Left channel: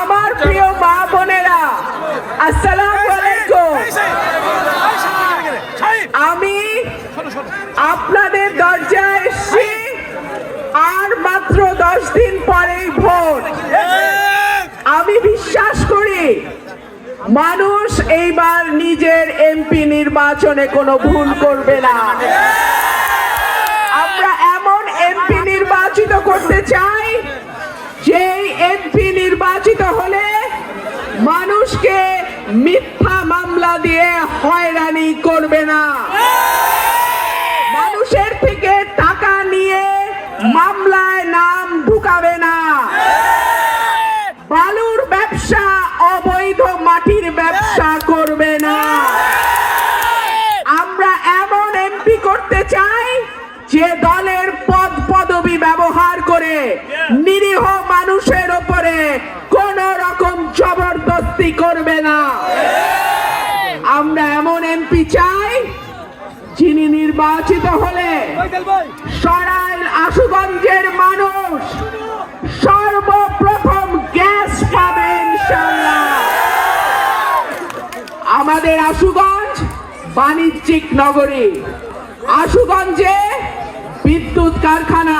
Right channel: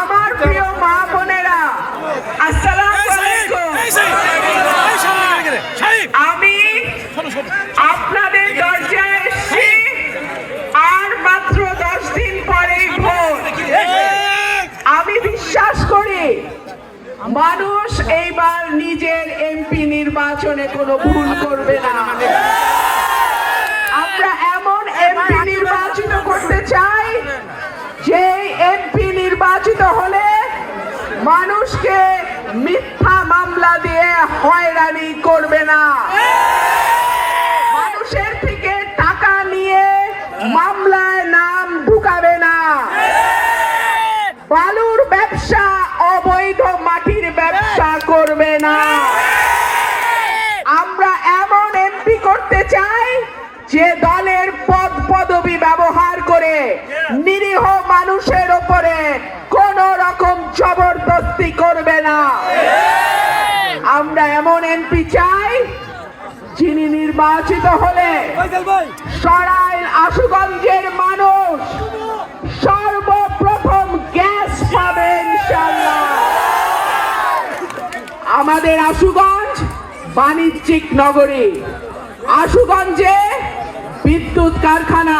আমার প্রিয় মা বোনেরা আসসালামু আলাইকুম। আমি আপনাদের দরজায় এসেছি আর মাত্র দশ দিন পরেই ভোট। আমি বিশ্বাস করি মানুষ এইবার নিজের এমপি নির্বাচনে কোনো ভুল করবে না। আমরা এমন এমপি নির্বাচিত করতে চাই এমপি নির্বাচিত হলে মানুষকে মিথ্যা মামলা দিয়ে হয়রানি করবে না। নির্বাচিত হলে সরাইল আশুগঞ্জের মানুষ সর্বপ্রথম গ্যাস পাবে আমাদের আশুগঞ্জ বাণিজ্যিক নগরী। আশুগঞ্জে বিদ্যুৎ কারখানা,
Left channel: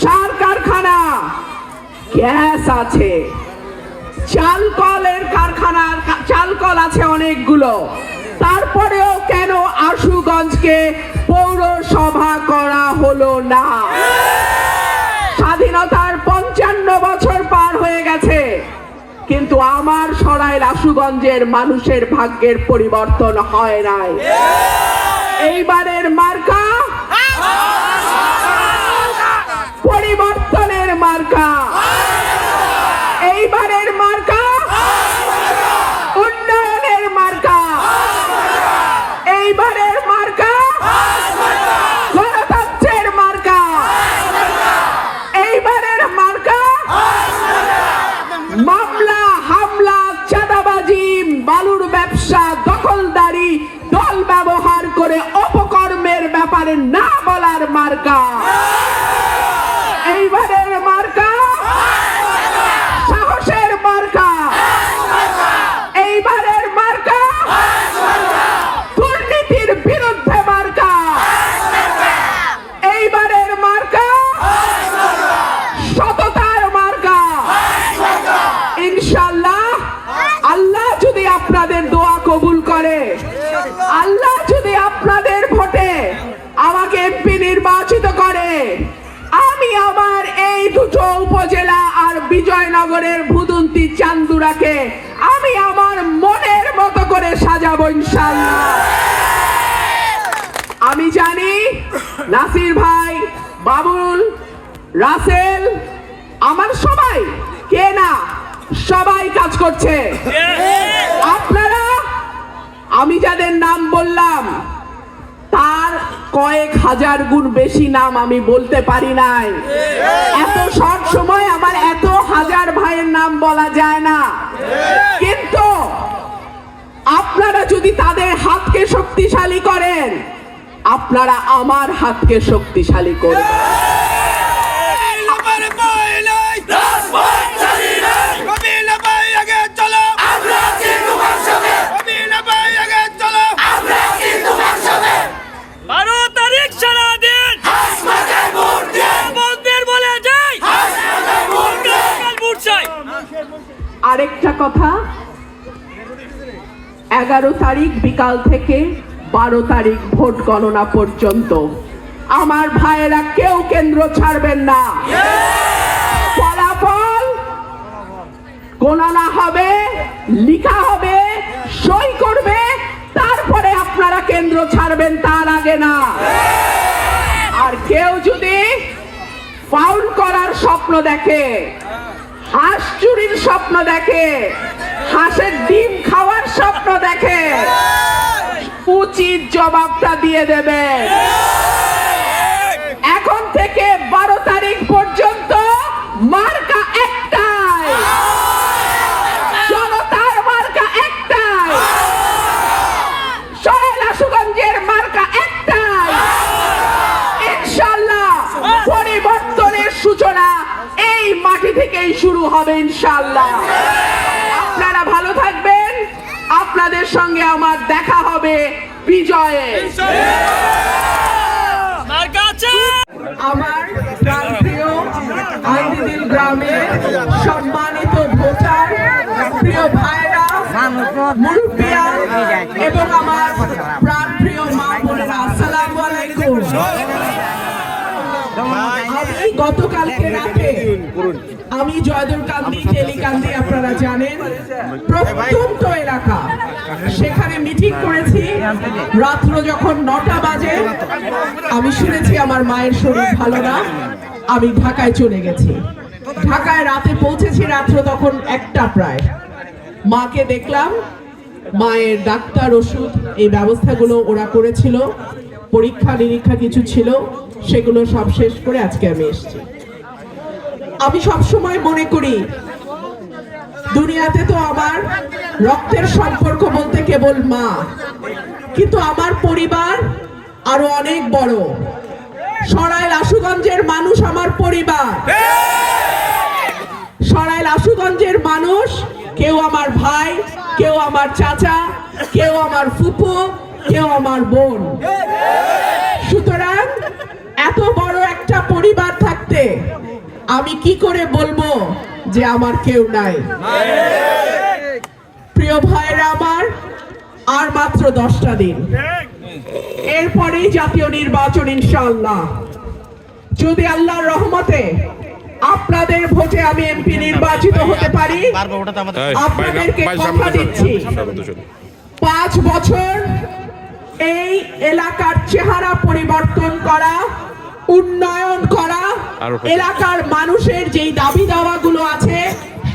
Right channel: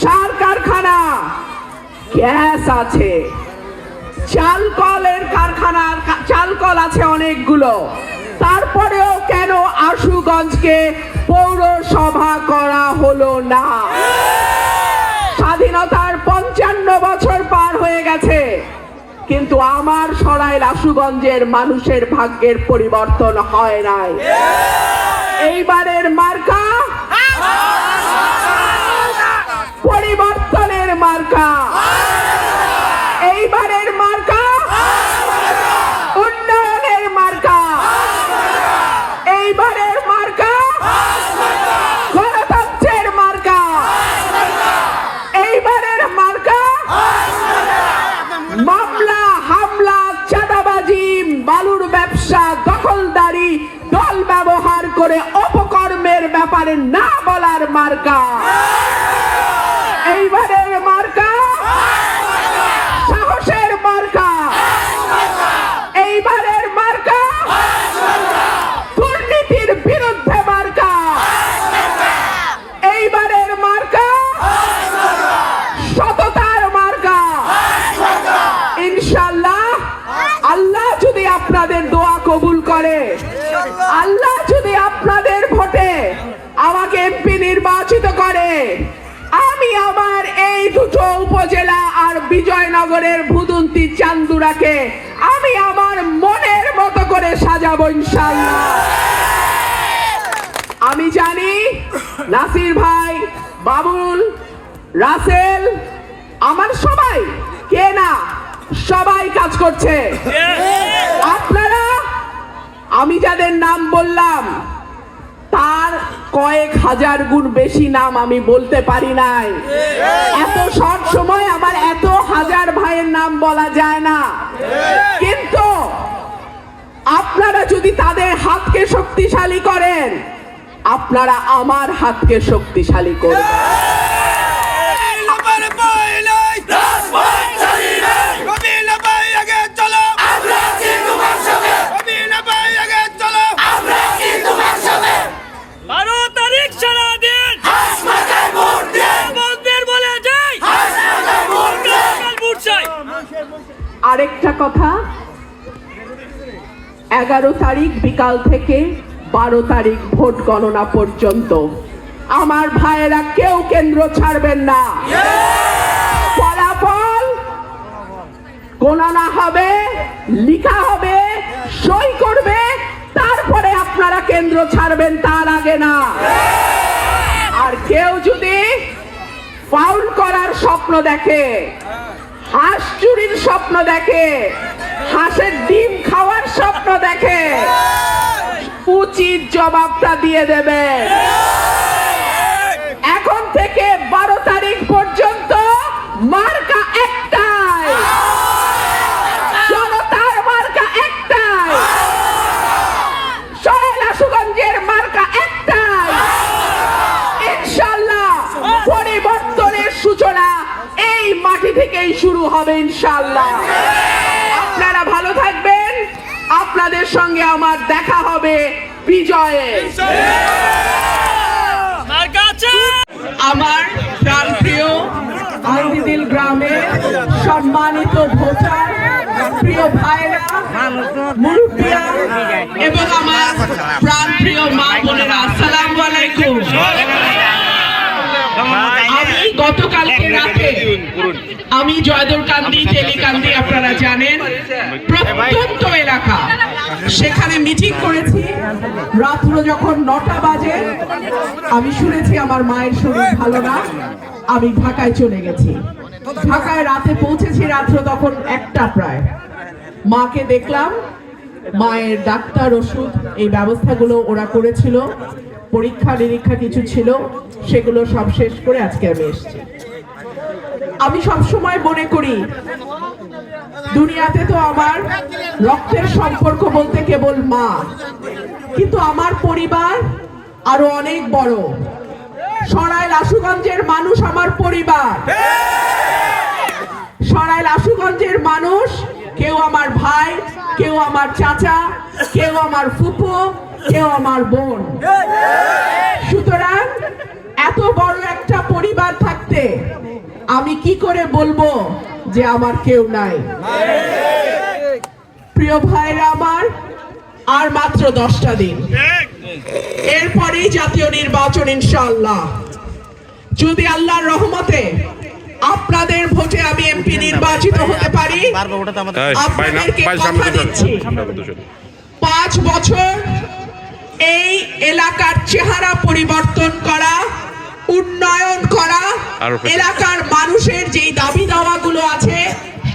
সার কারখানা, গ্যাস আছে। চাল কলের কারখানা আছে অনেকগুলো। তারপরেও কেন আশুগঞ্জকে না। স্বাধীনতার পঞ্চান্ন বছর পার হয়ে গেছে। কিন্তু আমার সরাই রাসুগঞ্জের মানুষের ভাগ্যের পরিবর্তন হয় নাই। এইবারের মার্কা পরিবর্তনের করছে। আপনারা আমি যাদের নাম বললাম তার কয়েক হাজার গুণ বেশি নাম আমি বলতে পারি নাই। এত সব সময় আমার এত হাজার ভাইয়ের নাম বলা যায় না। কিন্তু আপনারা যদি তাদের হাতকে শক্তিশালী করেন আপনারা আমার হাতকে শক্তিশালী করবেন বারো তারিখ সারা দিন বন্ধের বলে যাই ভোট চাই আরেকটা কথা, এগারো তারিখ বিকাল থেকে বারো তারিখ ভোট গণনা পর্যন্ত। আমার ভাইয়েরা কেউ কেন্দ্র ছাড়বেন না। ফলাফল গণনা হবে, লিখা হবে, সই করবে, তারপরে আপনারা কেন্দ্র ছাড়বেন তার আগে না। আর কেউ যদি ফাউল করার স্বপ্ন দেখে হাঁস চুরির স্বপ্ন দেখে হাঁসের ডিম খাওয়ার স্বপ্ন দেখে উচিত জবাবটা দিয়ে দেবে। ইনশাল্লাহ আপনারা ভালো থাকবেন। আপনাদের সঙ্গে আমার দেখা হবে বিজয়ে। আমার প্রাণপ্রিয় আইদিদিল গ্রামের সম্মানিত ভোটার, প্রিয় ভাইরা, মুরব্বিয়া এবং আমার আমি জয়দুরকান্দি টেলিকান্দি আপনারা জানেন প্রত্যন্ত এলাকা। সেখানে মিটিং করেছি। রাত্র যখন নটা বাজে আমি শুনেছি আমার মায়ের শরীর ভালো না আমি ঢাকায় চলে গেছি। ঢাকায় রাতে পৌঁছেছি রাত্র তখন একটা প্রায়। মাকে দেখলাম মায়ের ডাক্তার ওষুধ এই ব্যবস্থাগুলো ওরা করেছিল পরীক্ষা নিরীক্ষা কিছু ছিল সেগুলো সব শেষ করে আজকে আমি এসেছি। আমি সবসময় মনে করি, দুনিয়াতে তো আমার রক্তের সম্পর্ক বলতে কেবল মা। কিন্তু আমার পরিবার আরও অনেক বড়। সরাইল আশুগঞ্জের মানুষ আমার পরিবার। সরাইল আশুগঞ্জের মানুষ কেউ আমার ভাই, কেউ আমার চাচা, কেউ আমার ফুপু, কেউ আমার বোন। সুতরাং এত বড় একটা পরিবার আমি কি করে বলব যে আমার কেউ নাই? প্রিয় ভাইরা আমার আর মাত্র দশটা দিন। এরপরেই জাতীয় নির্বাচন ইনশাআল্লাহ। যদি আল্লাহর রহমতে আপনাদের ভোটে আমি এমপি নির্বাচিত হতে পারি এই, আপনাদেরকে কথা দিচ্ছি। পাঁচ বছর এই এলাকার চেহারা পরিবর্তন করা উন্নয়ন করা আরও কত? এলাকার মানুষের যেই দাবি দাওয়াগুলো আছে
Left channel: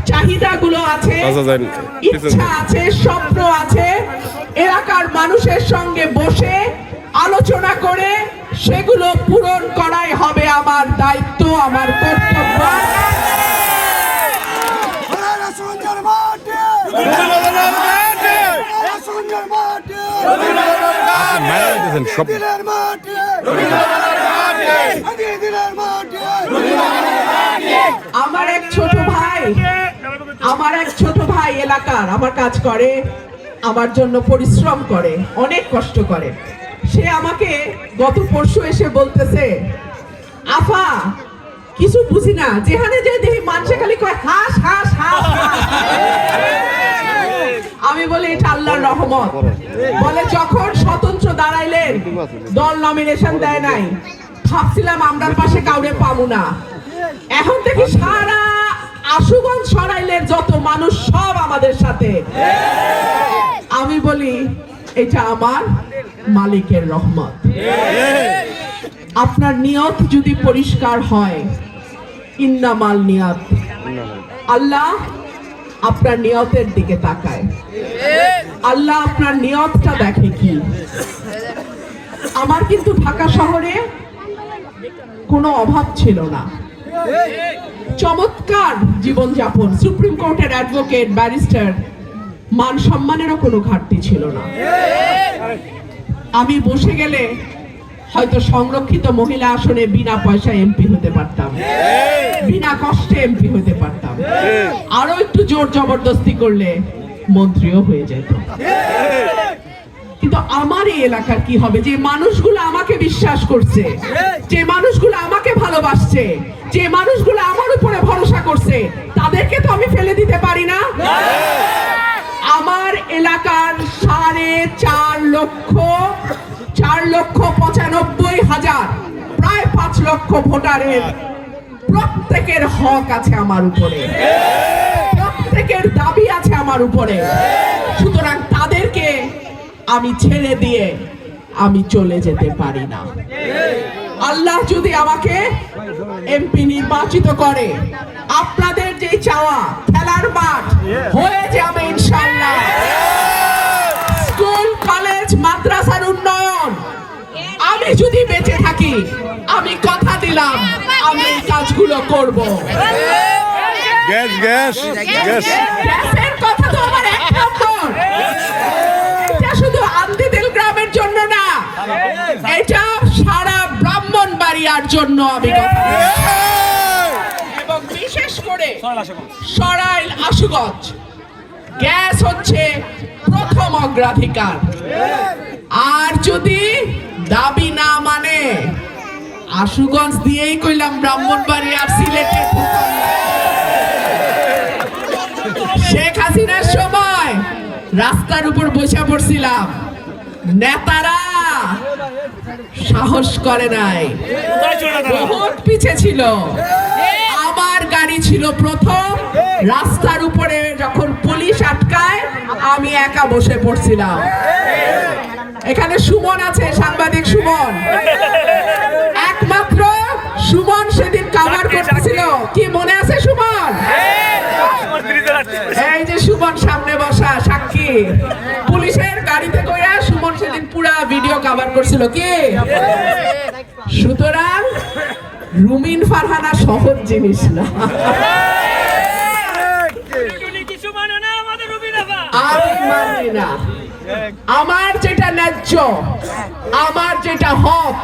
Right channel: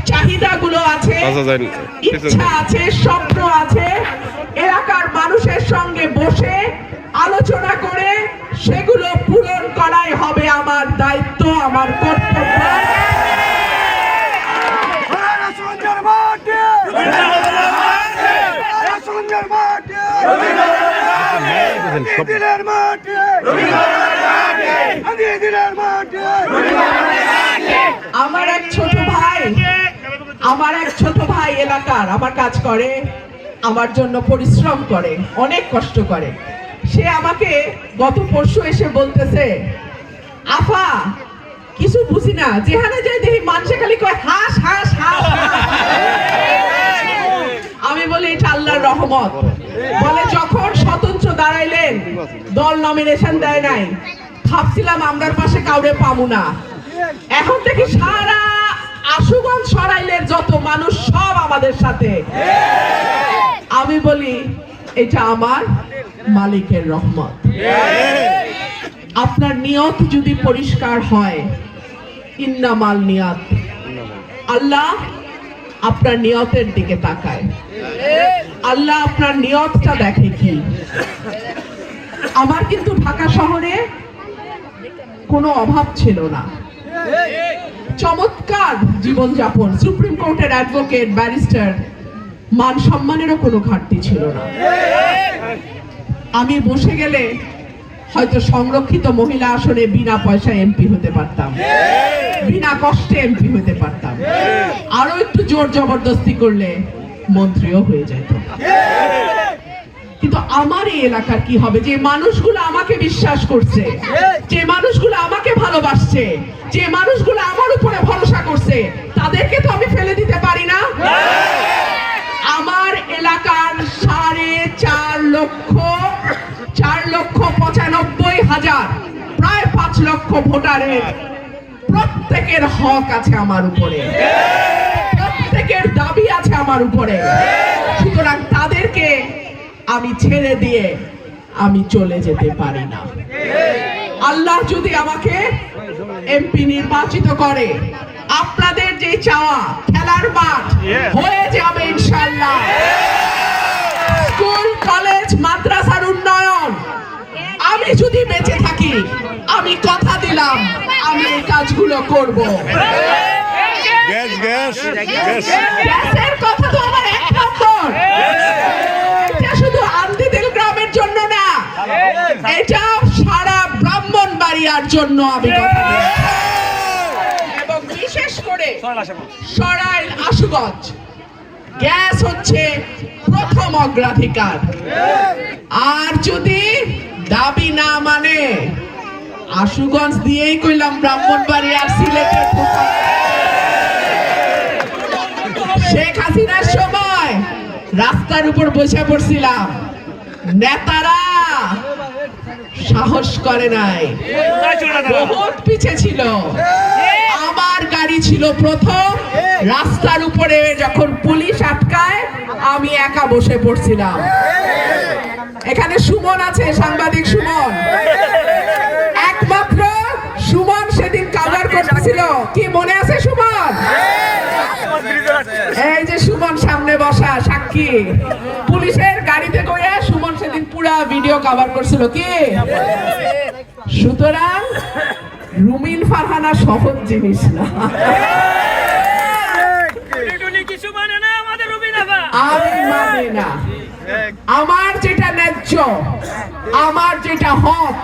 চাহিদাগুলো আছে আচ্ছা, ইচ্ছা আছে স্বপ্ন আছে এলাকার মানুষের সঙ্গে বসে আলোচনা করে সেগুলো পূরণ করাই হবে আমার দায়িত্ব আমার কর্তব্য। মাঠে। সব দিনের মাঠে দিনের মাঠে আমার এক ছোট ভাই, আমার এক ছোট ভাই এলাকার আমার কাজ করে, আমার জন্য পরিশ্রম করে, অনেক কষ্ট করে সে আমাকে গত পরশু এসে বলতেছে, আফা, কিছু বুঝি না, যেখানে যে দেখি মানুষে খালি কয়, হাস হাস হাস। আমি বলি, এটা আল্লাহর রহমত বলে, যখন স্বতন্ত্র দাঁড়াইলেন, দল নমিনেশন দেয় নাই ভাবছিলাম আমরার পাশে কাউরে পাবো না। এখন থেকে সারা আশুগঞ্জ সরাইলের যত মানুষ সব আমাদের সাথে। আমি বলি, এটা আমার মালিকের রহমত। আপনার নিয়ত যদি পরিষ্কার হয়, ইন্নামাল নিয়ত। আল্লাহ আপনার নিয়তের দিকে তাকায়। আল্লাহ আপনার নিয়তটা দেখে কি? আমার কিন্তু ঢাকা শহরে কোনো অভাব ছিল না। চমৎকার জীবনযাপন। সুপ্রিম কোর্টের অ্যাডভোকেট ব্যারিস্টার মান সম্মানেরও কোনো ঘাটতি ছিল না। আমি বসে গেলে হয়তো সংরক্ষিত মহিলা আসনে বিনা পয়সায় এমপি হতে পারতাম। বিনা কষ্টে এমপি হতে পারতাম। আরও একটু জোর জবরদস্তি করলে মন্ত্রীও হয়ে যেত। কিন্তু আমার এই এলাকার কি হবে? যে মানুষগুলো আমাকে বিশ্বাস করছে যে মানুষগুলো আমাকে ভালোবাসছে যে মানুষগুলো আমার উপরে ভরসা করছে তাদেরকে তো আমি ফেলে দিতে পারি না? আমার এলাকার সাড়ে চার লক্ষ চার লক্ষ পঁচানব্বই হাজার প্রায় পাঁচ লক্ষ ভোটারের প্রত্যেকের হক আছে আমার উপরে। প্রত্যেকের দাবি আছে আমার উপরে। আমি ছেড়ে দিয়ে আমি চলে যেতে পারি না। আল্লাহ যদি আমাকে এমপি নির্বাচিত করে আপনাদের যে চাওয়া খেলার মাঠ হয়ে যাবে ইনশাল্লাহ স্কুল কলেজ মাদ্রাসার উন্নয়ন। আমি যদি বেঁচে থাকি আমি কথা দিলাম আমি এই কাজগুলো করব। গ্যাস গ্যাস গ্যাস গ্যাসের কথা তো আমার জন্য আমি কথা। এবং বিশেষ করে করে সরাইল আশুগঞ্জ গ্যাস হচ্ছে প্রথম অগ্রাধিকার। আর যদি দাবি না মানে আশুগঞ্জ দিয়েই কইলাম ব্রাহ্মণবাড়ি আর সিলেটের শেখ হাসিনার সময় রাস্তার উপর বসে পড়ছিলাম। নেতারা সাহস করে নাই। বহুত পিছে ছিল। আমার গাড়ি ছিল প্রথম। রাস্তার উপরে যখন পুলিশ আটকায় আমি একা বসে পড়ছিলাম। এখানে সুমন আছে সাংবাদিক সুমন। একমাত্র সুমন পুরা ভিডিও কভার করছিল কি? সুতরাং রুমিন ফারহানা সহজ জিনিস না। না। আমার যেটা ন্যায্য, আমার যেটা হক,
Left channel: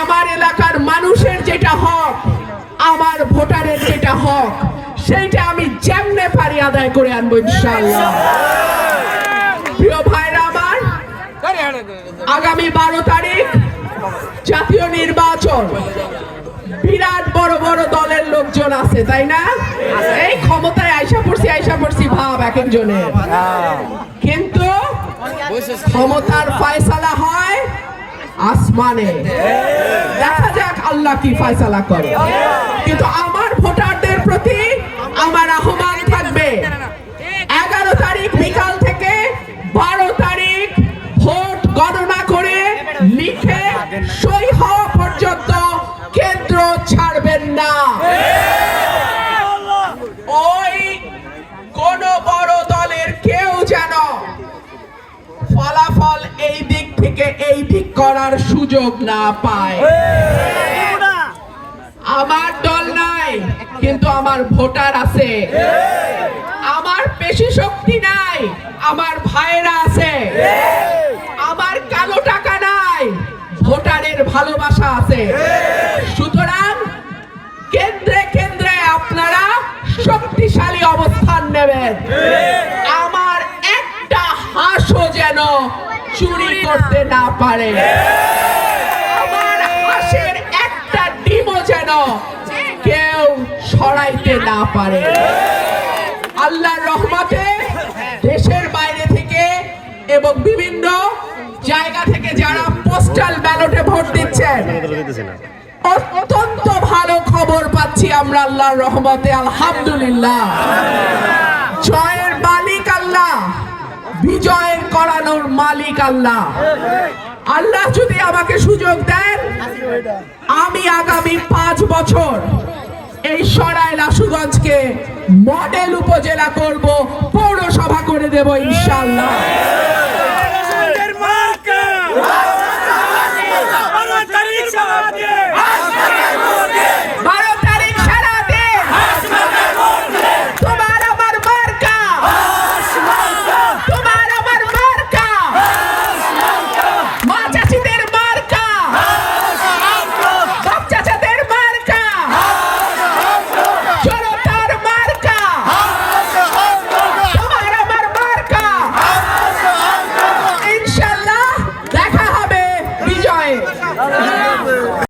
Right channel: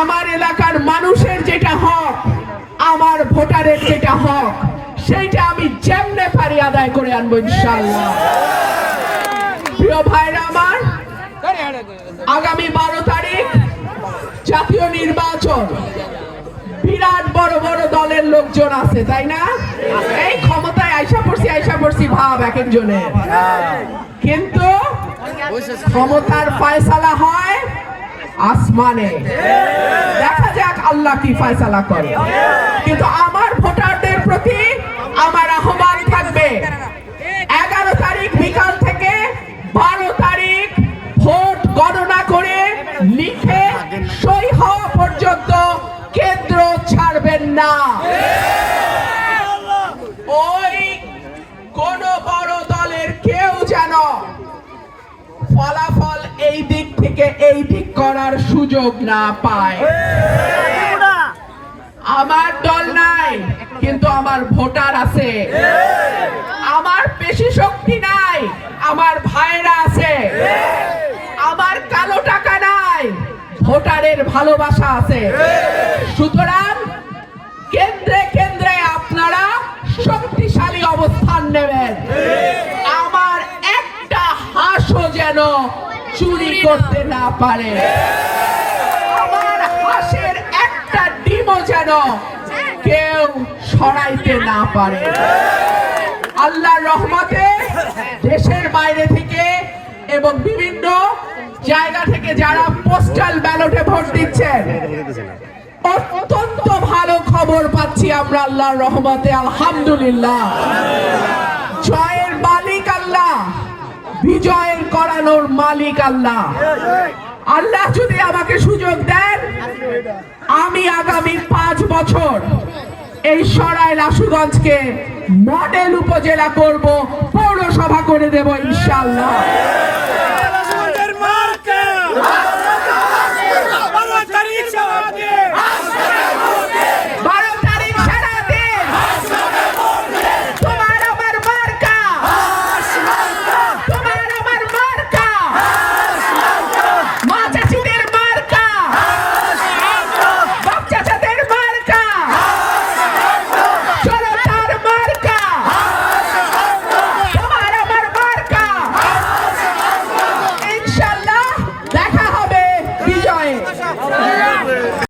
আমার এলাকার মানুষের যেটা হক, আমার ভোটারের যেটা হক, সেইটা আমি যেমনে পারি আদায় করে আনব ইনশাআল্লাহ। প্রিয় আমার আগামী বারো তারিখ জাতীয় নির্বাচন। বিরাট বড় বড় দলের লোকজন আছে, তাই না? এই ক্ষমতায় আইসা পড়ছি আইসা পড়ছি ভাব এক একজনের। কিন্তু ক্ষমতার ফয়সালা হয় আসমানে। দেখা যাক আল্লাহ কি ফয়সালা করে। কিন্তু আমার ভোটারদের ভোটার আছে। আমার পেশি শক্তি নাই, আমার ভাইরা আছে। আমার কালো টাকা নাই, ভোটারের ভালোবাসা আছে। সুতরাং কেন্দ্রে কেন্দ্রে আপনারা শক্তিশালী অবস্থান নেবেন। আমার একটা হাঁসও যেন চুরি করতে না পারে। সরাইতে না পারে। আল্লাহর রহমতে দেশের বাইরে থেকে এবং বিভিন্ন জায়গা থেকে যারা পোস্টাল ব্যালটে ভোট দিচ্ছেন অত্যন্ত ভালো খবর পাচ্ছি আমরা আল্লাহর রহমতে, আলহামদুলিল্লাহ। জয়ের মালিক আল্লাহ বিজয়ের করানোর মালিক আল্লাহ। আল্লাহ যদি আমাকে সুযোগ দেন, আমি আগামী পাঁচ বছর এই সরাইল রাসুগঞ্জকে মডেল উপজেলা করব পৌরসভা করে দেব ইনশাআল্লাহ।